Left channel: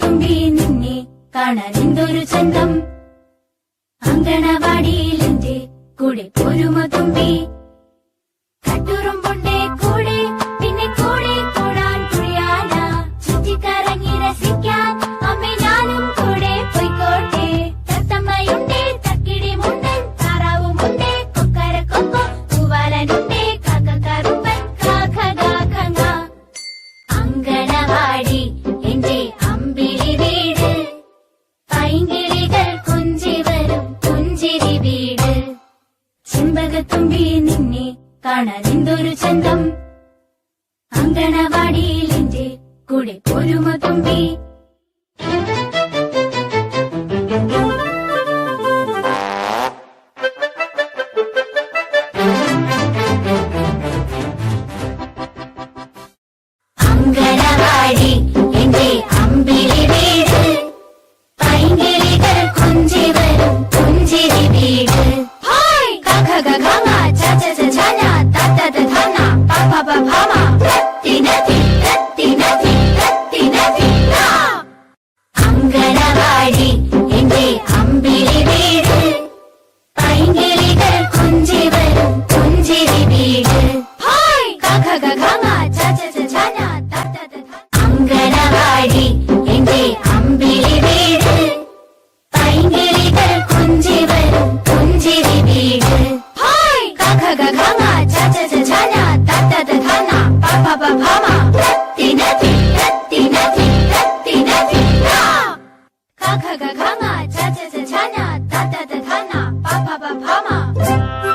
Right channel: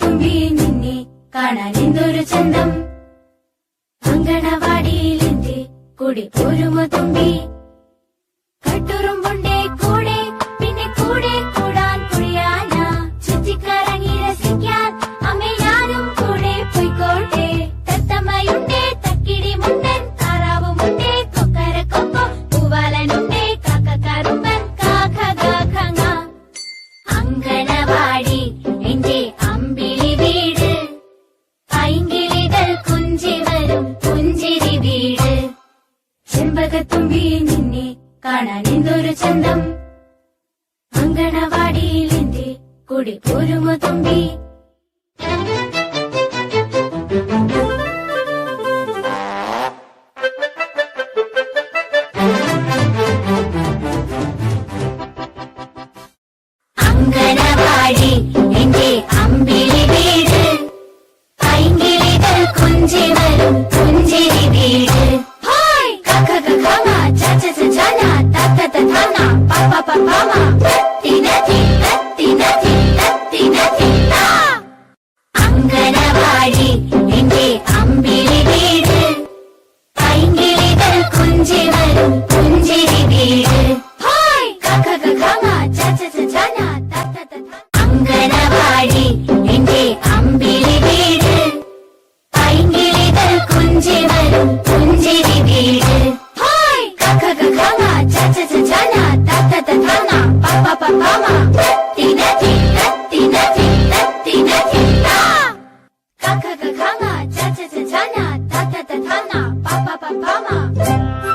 തുമ്പി നിന്നെ ചന്തം. അങ്കണവാടിയിലെത്തി കുടി കുരുമ തുമ്പി. അങ്കണവാടി എന്റെ അമ്പിളി വീട്. പൈങ്കിളികൾ വരും വീട്. നിന്നെ ചന്തം. അങ്കണവാടിയിൽ എന്റെ തുമ്പി? 가, 가, 가, 가나, 자, 자, 자, 자나, 다, 다, 다, 다나, 바, 바, 바, 바마.